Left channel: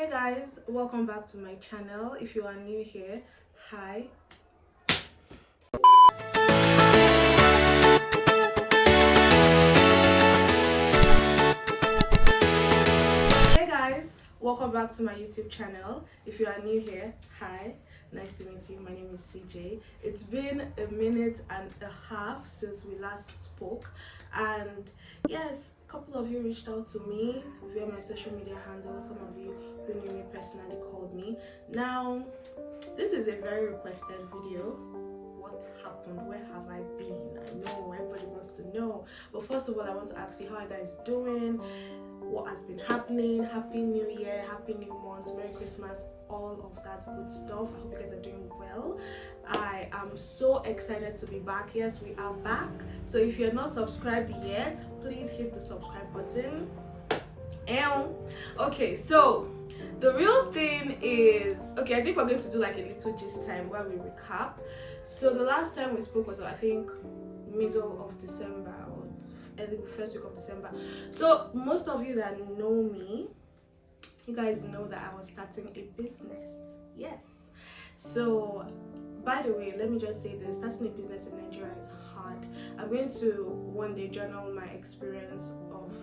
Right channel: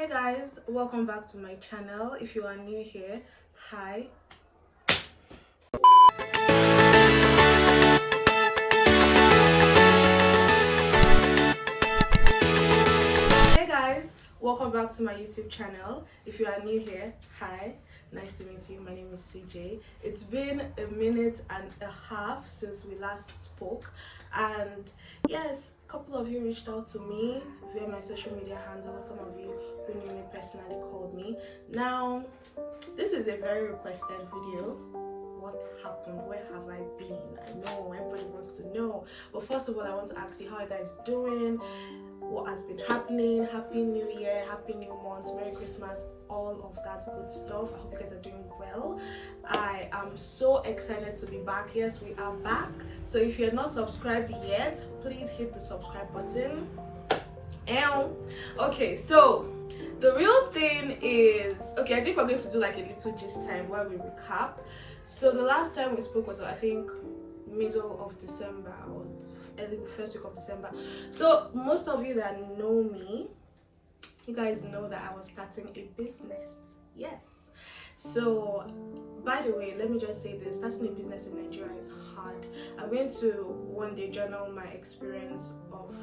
Hey guys, welcome back to my channel. If you are new here, hi. Hey guys, welcome back to my YouTube channel. If you are new here, hi. Nice to meet you. My name is CJ. It's been a minute and a half since we last spoke, and yes, a couple of you reached out to me via my social media handles. Some of you who knew me personally called me. Now, this is a very requested video. What happened? Where have I been? I know everybody wants to know, but first of all, I want to ask you, how are you guys doing? What has been happening? Happy New Year, Happy New Month, Merry Christmas, all of that good stuff. I hope you guys are doing well. I am so excited to be back. Yes, we are back. So if you're not subscribed yet, please hit the subscribe button. Okay, so the real thing is, okay, I think we're going to do like a little gist time where we recap. So the last time we spoke was, I think, middle of December or early first week of December. So most of you that know me, you guys know that I was starting a business. Yes. So by the way, let me just say this: starting a business in Nigeria is hard. I'm going to one day journal my experience of,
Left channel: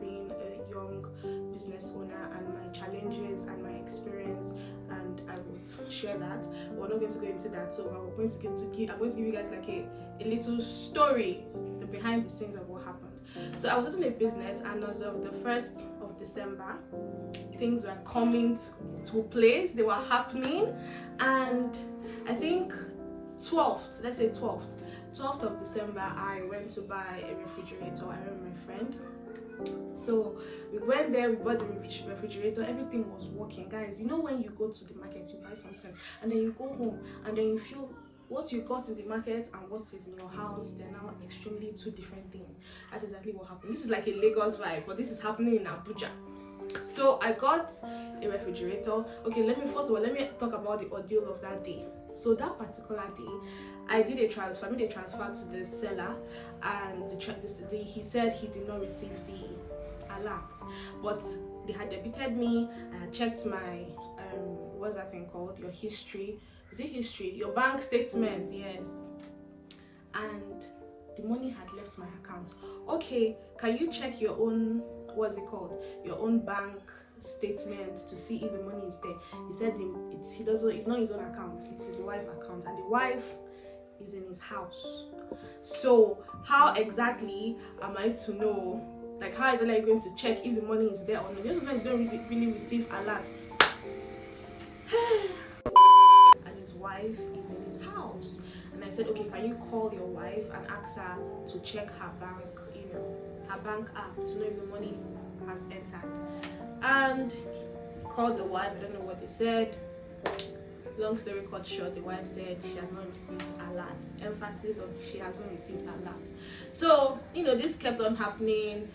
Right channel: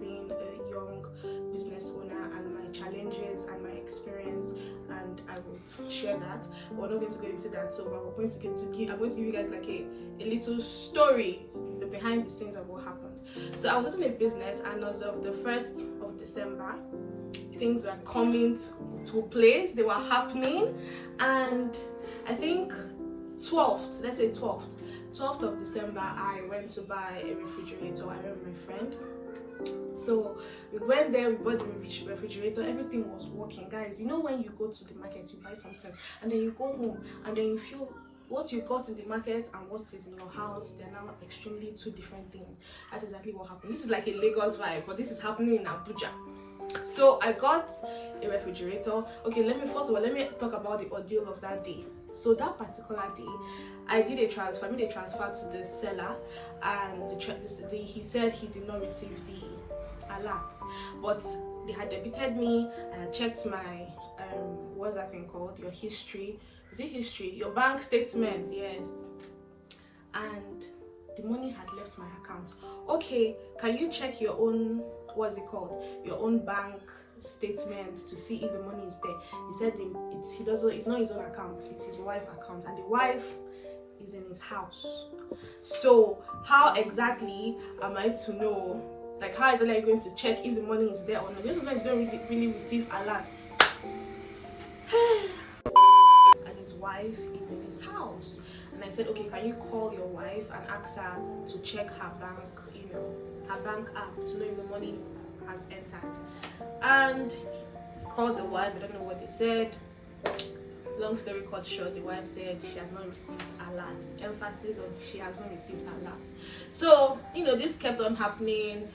being a young business owner and my challenges and my experience, and I will share that. But we're not going to go into that. So I'm going to give you guys like a little story, the behind the scenes of what happened. So I was starting a business, and as of the 1st of December, things were coming to place. They were happening, and I think 12th, let's say 12th of December, I went to buy a refrigerator. I went with my friend. So we went there, we bought the refrigerator, everything was working. Guys, you know when you go to the market, you buy something, and then you go home, and then you feel what you got in the market and what is in your house, they're now extremely two different things. That's exactly what happened. This is like a Lagos vibe, but this is happening in Abuja. So I got a refrigerator. Okay, let me talk about the ordeal of that day. So that particular day, I made a transfer to the seller, and he said he did not receive the alert, but they had debited me. I checked my what's that thing called, your history, is it history, your bank statement, yes, and the money had left my account. Okay, can you check your own, what's it called, your own bank statement to see if the money is there? He said it's not his own account, it's his wife's account, and the wife is in his house. So how exactly am I to know, like, how exactly are you going to check if the money is there or not? Just sometimes you don't really receive alert and his wife is in his house. And I said, okay, can you call your wife and ask her to check her bank, her bank app, to know if the money has entered? And he called the wife. I don't know what they said. Long story cut short, the wife said she has not received alert. Emphasis on she hasn't received alert. So this kept on happening.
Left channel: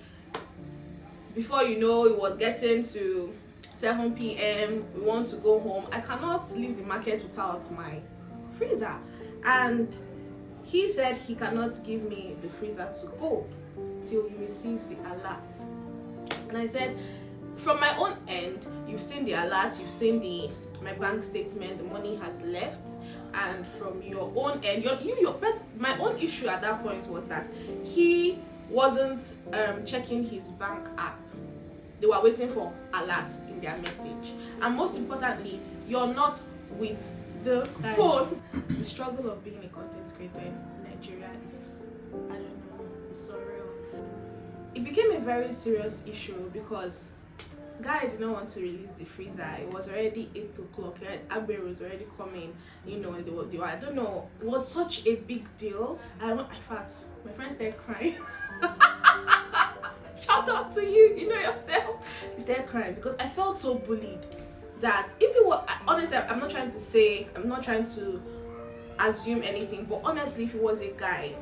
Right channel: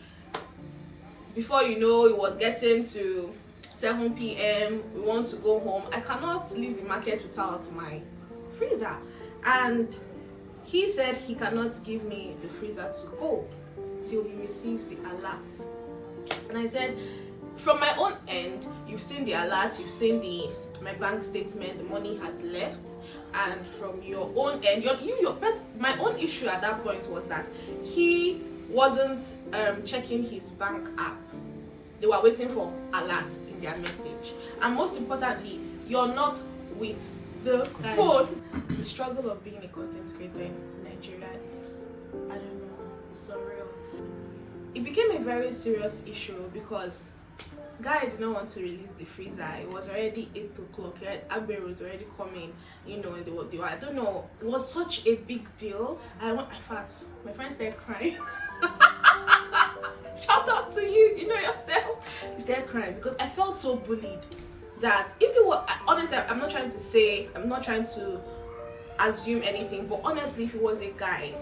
Before you know, it was getting to 7 p.m. we want to go home. I cannot leave the market without my freezer, and he said he cannot give me the freezer to go till he receives the alert. And I said, from my own end, you've seen the alert, you've seen my bank statement, the money has left, and from your own end, my own issue at that point was that he wasn't checking his bank app. They were waiting for alert in their message, and most importantly, you're not with the phone. The struggle of being a content creator in Nigeria is, I don't know, it's surreal. It became a very serious issue because guy did not want to release the freezer. It was already 8 o'clock. Agbe was already coming. They were, I don't know. It was such a big deal. In fact, my friend started crying. Shout out to you, yourself. He started crying because I felt so bullied that if they were, honestly, I'm not trying to assume anything, but honestly, if it was a guy,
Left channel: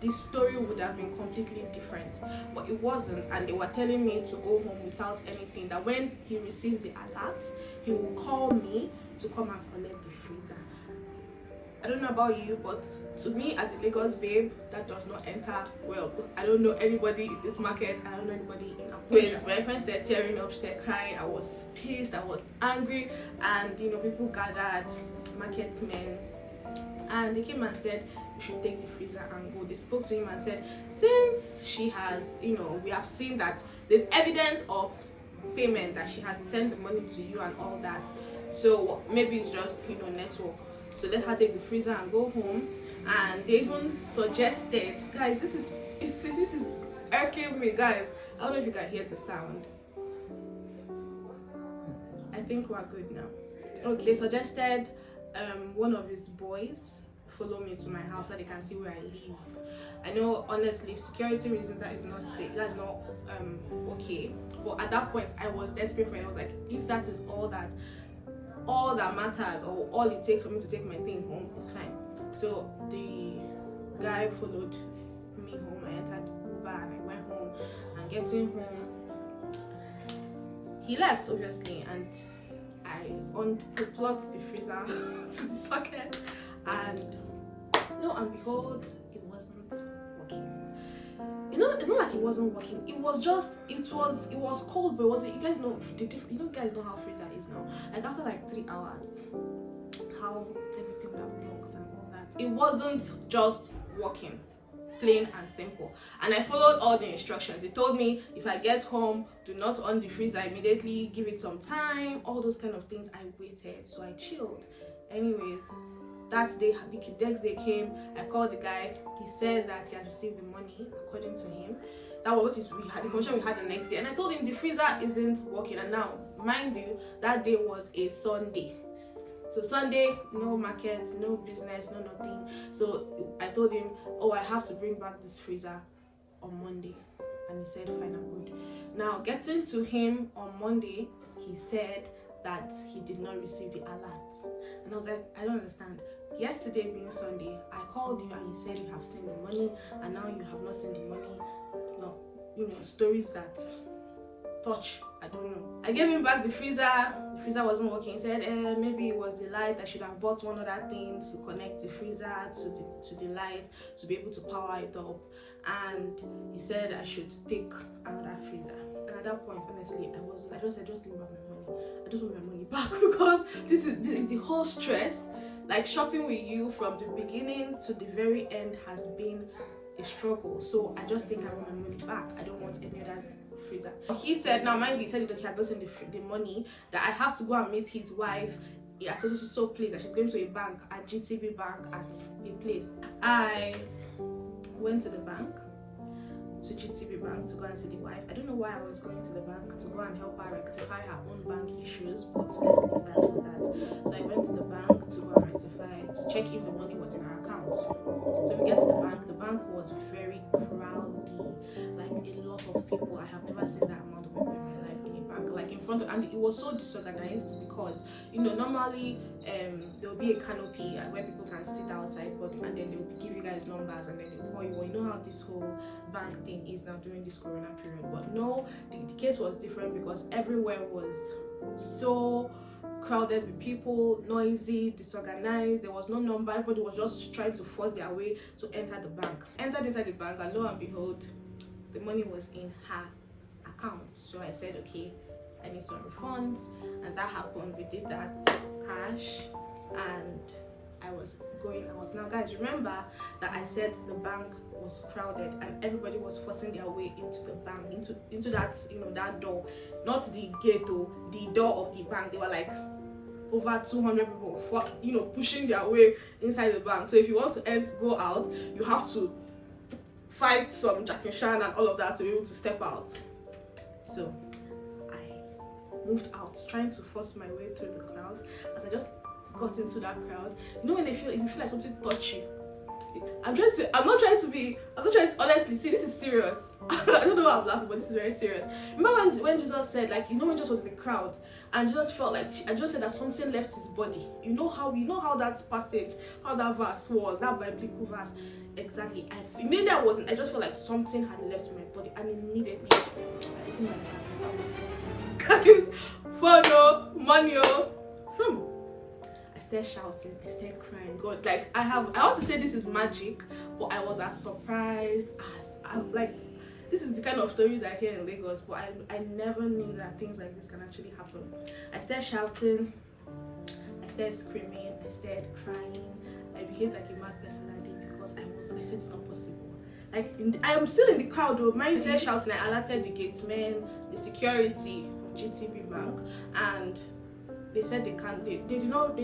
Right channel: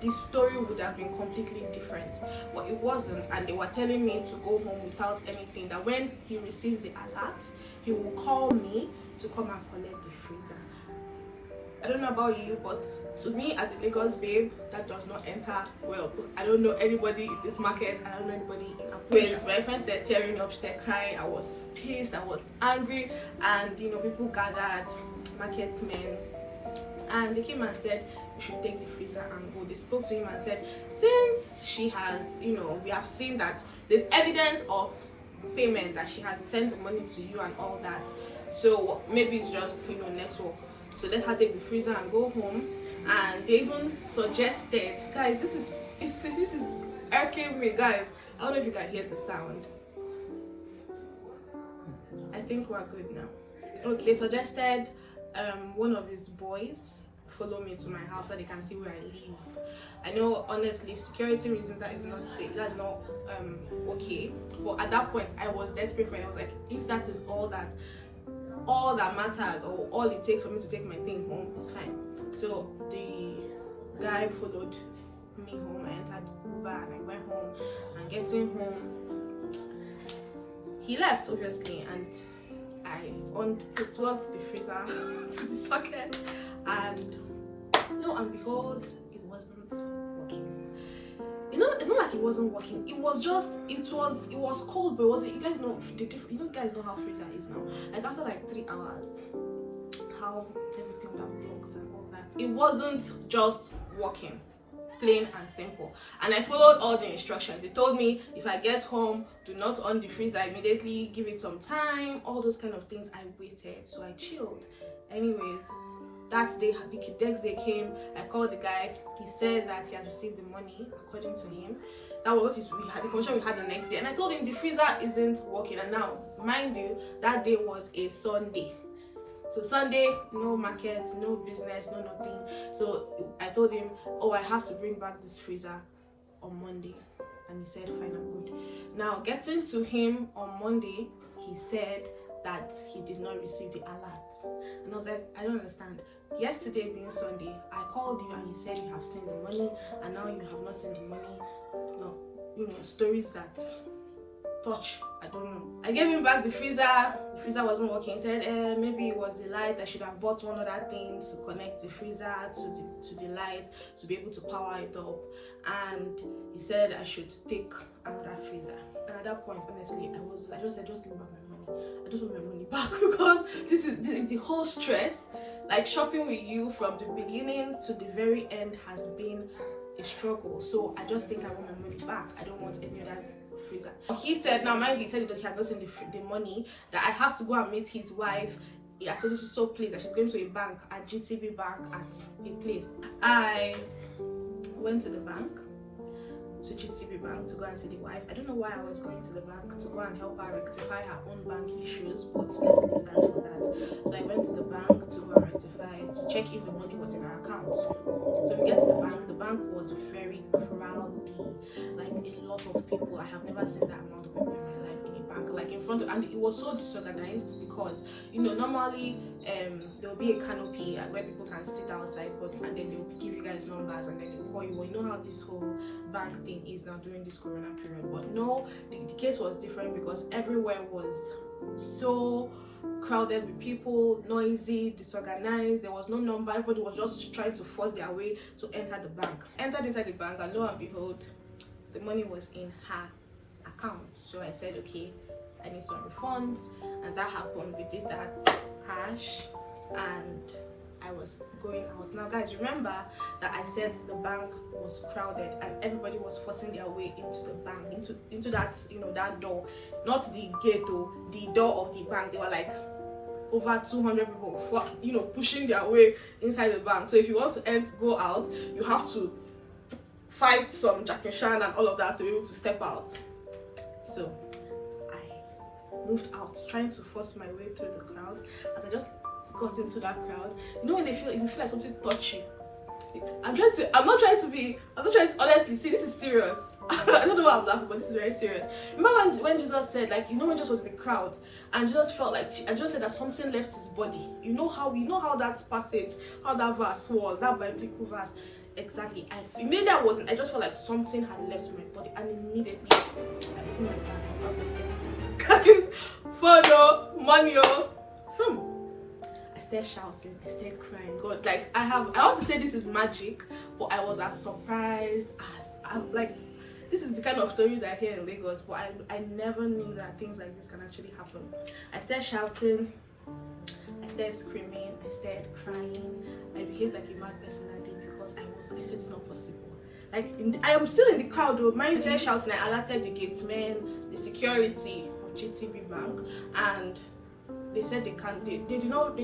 the story would have been completely different, but it wasn't. And they were telling me to go home without anything, that when he receives the alert, he will call me to come and collect the freezer. I don't know about you, but to me as a Lagos babe, that does not enter well. I don't know anybody in this market. I don't know anybody in Abuja. My friends started tearing up, started crying. I was pissed, I was angry, and you know, people gathered, market men, and they came and said you should take the freezer and go. They spoke to him and said, since she has, you know, we have seen that there's evidence of payment, that she has sent the money to you and all that, so maybe it's just, you know, network, so let her take the freezer and go home. And they even suggested, guys, this is irking me, guys. I don't know if you can hear the sound. I think we're good now. Okay, they suggested one of his boys follow me to my house so they can see where I live. I know, honestly, security reasons, that is not safe, that's not okay, but at that point I was desperate for it. I was like, if that is all that matters, or all it takes for me to take my thing home, is fine. So the guy followed me home. I entered Uber and I went home, and getting home, he left obviously, and I unplugged the freezer to the socket, and lo and behold, it wasn't working. You know, it's not like it wasn't working. It was just, it was cold, but it wasn't. You guys know the difference. You know, guys know how freezer is now. Like after like 3 hours, how everything would have blocked and all that. It wasn't just working, plain and simple. And I followed all the instructions. They told me if I get home, do not on the freezer immediately, give it some time, all those kind of things. I waited, so I chilled. Anyways, that day, the next day came. I called the guy. He said that he had received the money, according to him. That was what we had, the conversation we had the next day. And I told him the freezer isn't working. And now, mind you, that day was a Sunday. So Sunday, no market, no business, no nothing. So I told him, oh, I have to bring back this freezer on Monday. And he said, fine, I'm good. Now, getting to him on Monday, he said that he did not receive the alert. And I was like, I don't understand. Yesterday being Sunday, I called you and you said you have seen the money, and now you have not seen the money. Well, you know, stories that touch, I don't know. I gave him back the freezer wasn't working. He said maybe it was the light. I should have bought one other thing to connect the freezer to the light to be able to power it up. And he said I should take another freezer. And at that point, honestly, I just said, just give me back my money. I just want my money back, because this is the whole stress. Like, shopping with you from the beginning to the very end has been a struggle. So I just think I want my money back. I don't want any other freezer. He said, now mind you, he said that he has not seen the money, that I have to go and meet his wife at so place, that she's going to a bank, at GTB bank, at a place. I went to the bank, to GTB bank, to go and see the wife. I don't know why I was going to the bank, to go and help her rectify her own bank issues, but let's leave that for that. So I went to the bank to go and rectify, to check if the money was in her account. So we get to the bank was very crowded, like a lot of people. I have never seen that amount of people in my life in a bank, like in front of, and it was so disorganized, because you know, normally there will be a canopy where people can sit outside, but and then they'll give you guys numbers, and then they'll call you. Well, you know how this whole bank thing is now during this corona period, but no, the case was different, because everywhere was so crowded with people, noisy, disorganized. There was no number. Everybody was just trying to force their way to enter the bank. Entered inside the bank, and lo and behold, the money was in her account. So I said, okay, I need some refunds, and that happened. We did that cash, and I was going out. Now guys, remember that I said the bank was crowded and everybody was forcing their way into the bank, into that, you know, that door, not the gate, or the door of the bank. They were like over 200 people, you know, pushing their way inside the bank. So if you want to go out, you have to fight some Jack and Shan and all of that to be able to step out. So I moved out, trying to force my way through the crowd. As I just got into that crowd, you know, when you feel like something touch you. I'm not trying to honestly, see, this is serious. I don't know why I'm laughing, but this is very serious. Remember when Jesus said, like, you know, when Jesus was in the crowd and Jesus felt like, and Jesus said that something left his body. You know how that passage, how that verse was, that biblical verse. Exactly. Immediately I just felt like something had left my body, and immediately I opened my bag. I was empty. Guys, photo, money, from. I started shouting, I started crying. God, like I want to say this is magic, but I was as surprised as I'm like, this is the kind of stories I hear in Lagos, but I never knew that things like this can actually happen. I started shouting, I started screaming, I started crying. I behaved like a mad person that day because I said it's not possible. Like I am still in the crowd though. Mine started shouting. I alerted the gatemen, the security of GTB Bank, and they said they can't. They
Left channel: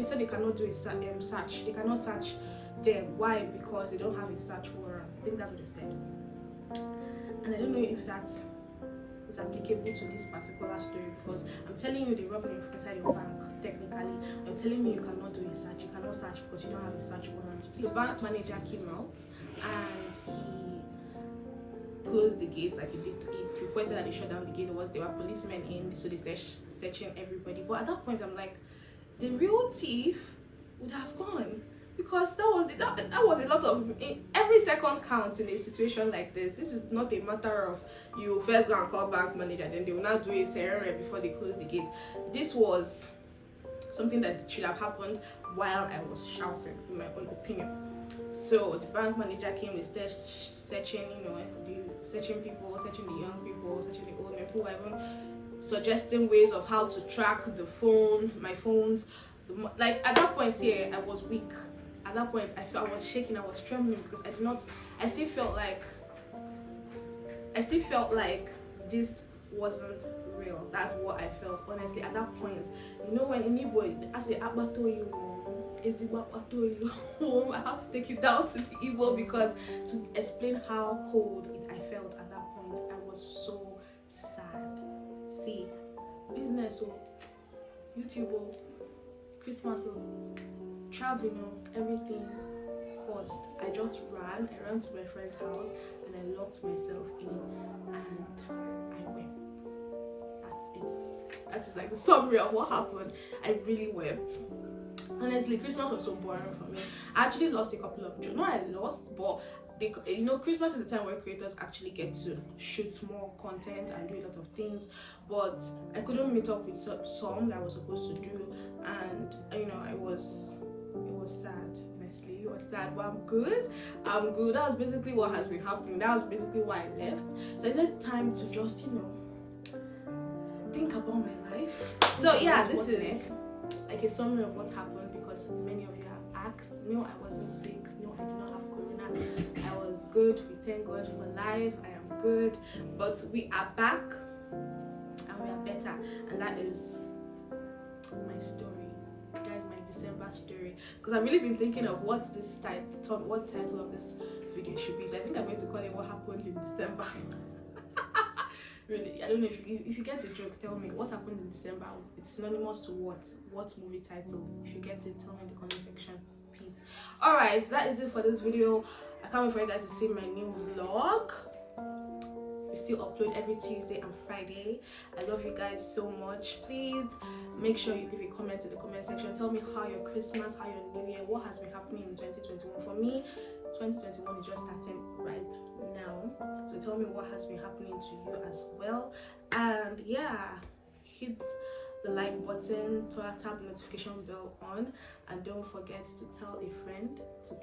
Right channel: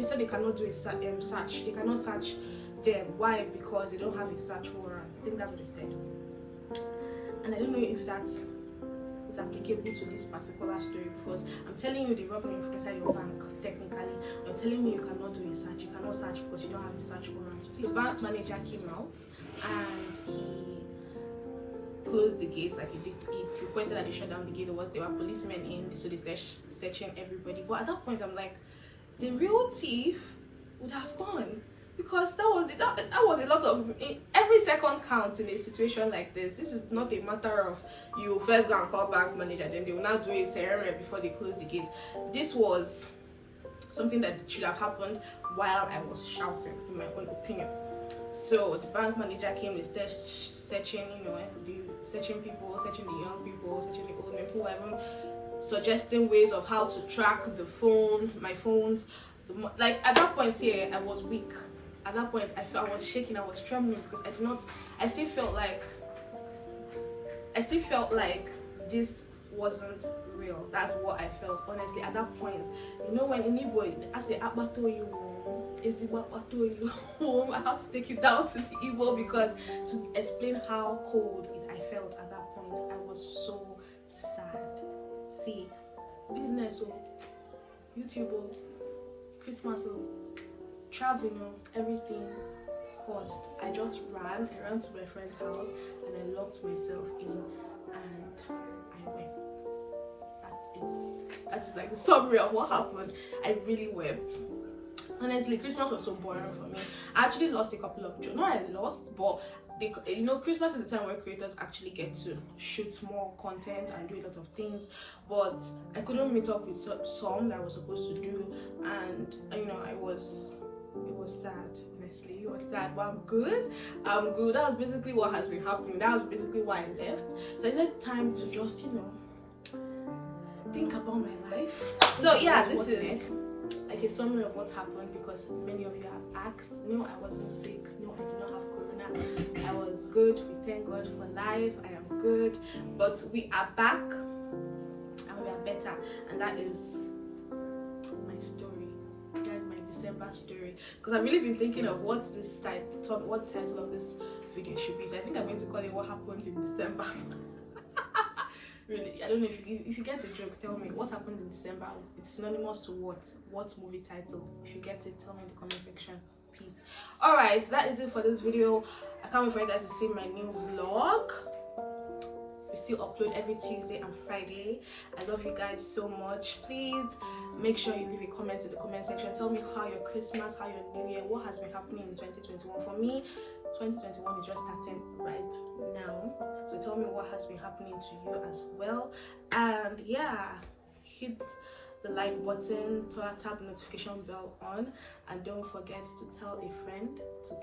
said they cannot do a search. They cannot search them. Why? Because they don't have a search warrant. I think that's what they said. And I don't know if that is applicable to this particular story, because I'm telling you they robbed me inside your bank technically. You're telling me you cannot do a search. You cannot search because you don't have a search warrant. The bank manager came out and he closed the gates. Like he requested that they shut down the gate. There were policemen in, so they started searching everybody. But at that point I'm like, the real thief would have gone, because that was a lot of, every second counts in a situation like this. This is not a matter of you first go and call bank manager, then they will not do a ceremony before they close the gate. This was something that should have happened while I was shouting, in my own opinion. So the bank manager came, they started searching, searching people, searching the young people, searching the old men, people were even suggesting ways of how to track the phones, my phones. Like at that point here, I was weak. At that point, I was shaking, I was trembling, because I still felt like this wasn't real. That's what I felt, honestly. At that point, when anybody, I say, I have to take you down to the Igbo, because to explain how cold I felt at that point, I was so sad. See, business, YouTube, Christmas, traveling, everything paused. I just ran to my friend's house and I locked myself in and I wept. That is like the summary of what happened. I really wept. Honestly, Christmas was so boring for me. I actually lost a couple of jobs. No, I lost, but Christmas is the time where creators actually get to shoot more content and do a lot of things, but I couldn't meet up with some that I was supposed to do, and it was sad. Honestly, it was sad, but I'm good. That was basically what has been happening. That was basically why I left. So I needed time to just think about my life. So yeah, this is like a summary of what happened, because many of you have asked. No, I wasn't sick. No, I did not have corona. I was good. We thank God for life. I am good, but we are back and we are better, and that is my story. That is my December story, because I've really been thinking of what title of this video should be. So I think I'm going to call it "What Happened in December." Really, I don't know if you get the joke. Tell me what happened in December. It's synonymous to what movie title? If you get it, tell me in the comment section, please. All right, that is it for this video. I can't wait for you guys to see my new vlog. We still upload every Tuesday and Friday. I love you guys so much. Please make sure you leave a comment in the comment section. Tell me how your Christmas, how your New Year, what has been happening in 2021. For me, 2021 is just starting right now, so tell me what has been happening to you as well. And yeah, hit the like button, tap notification bell on, and don't forget to tell a friend, to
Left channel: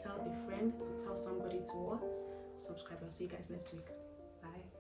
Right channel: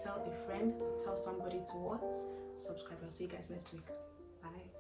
tell somebody to what? Subscribe. I'll see you guys next week. Bye.